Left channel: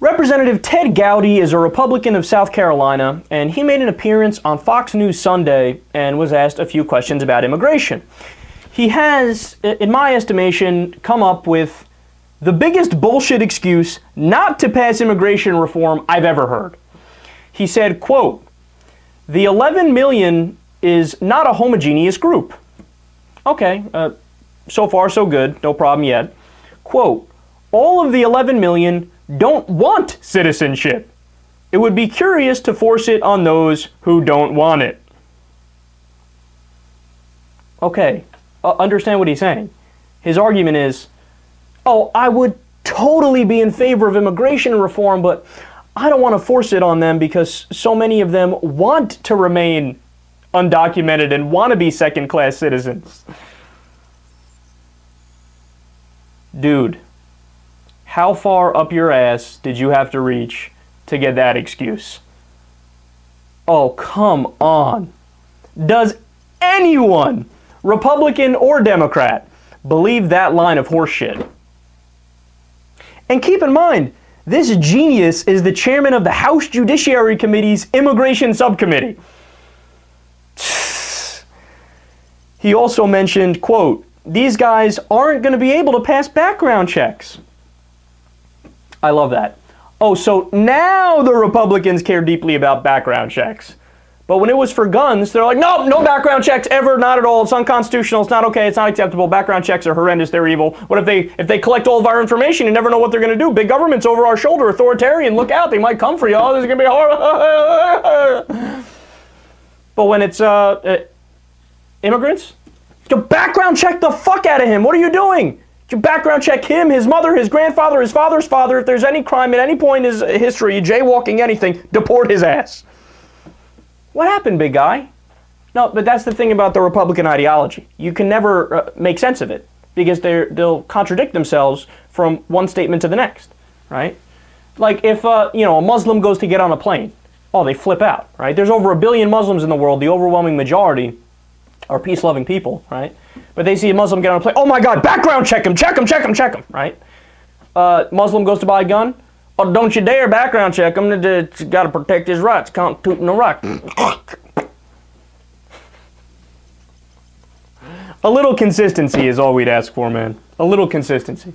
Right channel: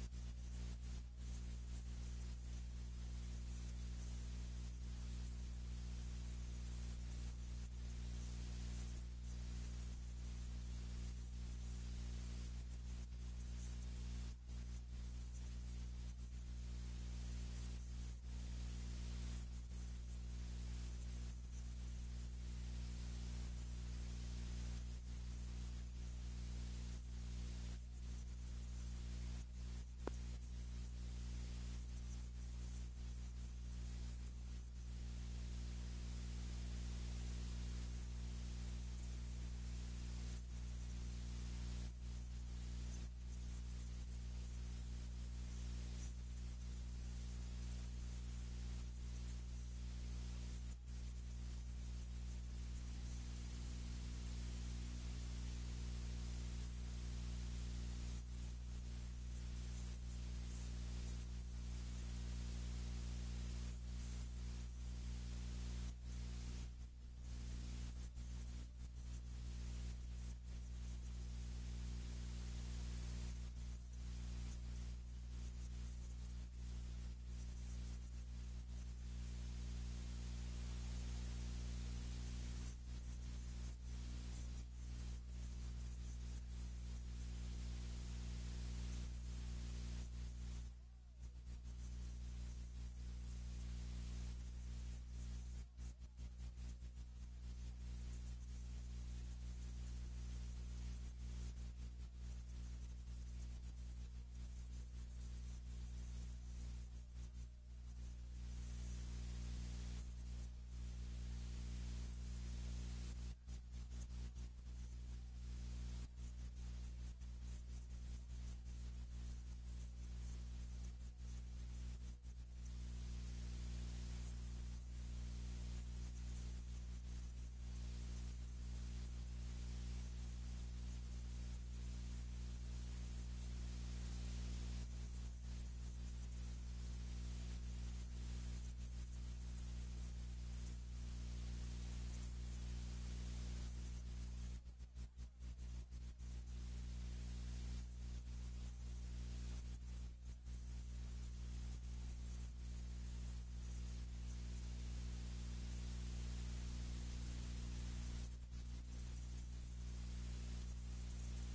Representative Ted Gowdy is a Republican of South Carolina, and he made an appearance on Fox News Sunday and was asked a few questions about immigration. He has, in my estimation, come up with the biggest bullshit excuse not to pass immigration reform I've ever heard. He said, quote, "The 11 million is not a homogeneous group." Okay, so far so good, no problem yet. Quote, "All of the 11 million don't want citizenship. It would be curious to force it on those who don't want it." Okay, understand what he's saying. His argument is, oh, I would totally be in favor of immigration reform, but I don't want to force it on them because so many of them want to remain undocumented and want to be second-class citizens. Dude, how far up your ass did you have to reach to get that excuse? Oh, come on. Does anyone, Republican or Democrat, believe that line of horseshit? And keep in mind, this genius is the chairman of the House Judiciary Committee's Immigration Subcommittee. He also mentioned, quote, "These guys aren't going to be able to pass background checks." I love that. Oh, so now the Republicans care deeply about background checks. But when it was for guns, they're like, no, no background checks ever, not at all. It's unconstitutional. It's not okay. It's not acceptable. Background checks are horrendous. They're evil. What if they collect all of our information? You never know what they're going to do. Big government's over our shoulder. Authoritarian. Look out. They might come for you. Oh, this is going to be horrible. But when it's immigrants, you background check the fuck out of him. What are you doing? You background check him, his mother, his grandfather, his father's father. If there's any crime at any point in his history, jaywalking, anything, deport his ass. What happened, big guy? No, but that's the thing about the Republican ideology. You can never make sense of it because they'll contradict themselves from one statement to the next, right? Like if a Muslim goes to get on a plane, oh, they flip out, right? There's over 1 billion Muslims in the world. The overwhelming majority are peace-loving people, right? But they see a Muslim get on a plane, oh my God, background check him, check him, check him, check him, right? Muslim goes to buy a gun, oh, don't you dare background check him, it's got to protect his rights, constitutional right. A little consistency is all we'd ask for, man. A little consistency.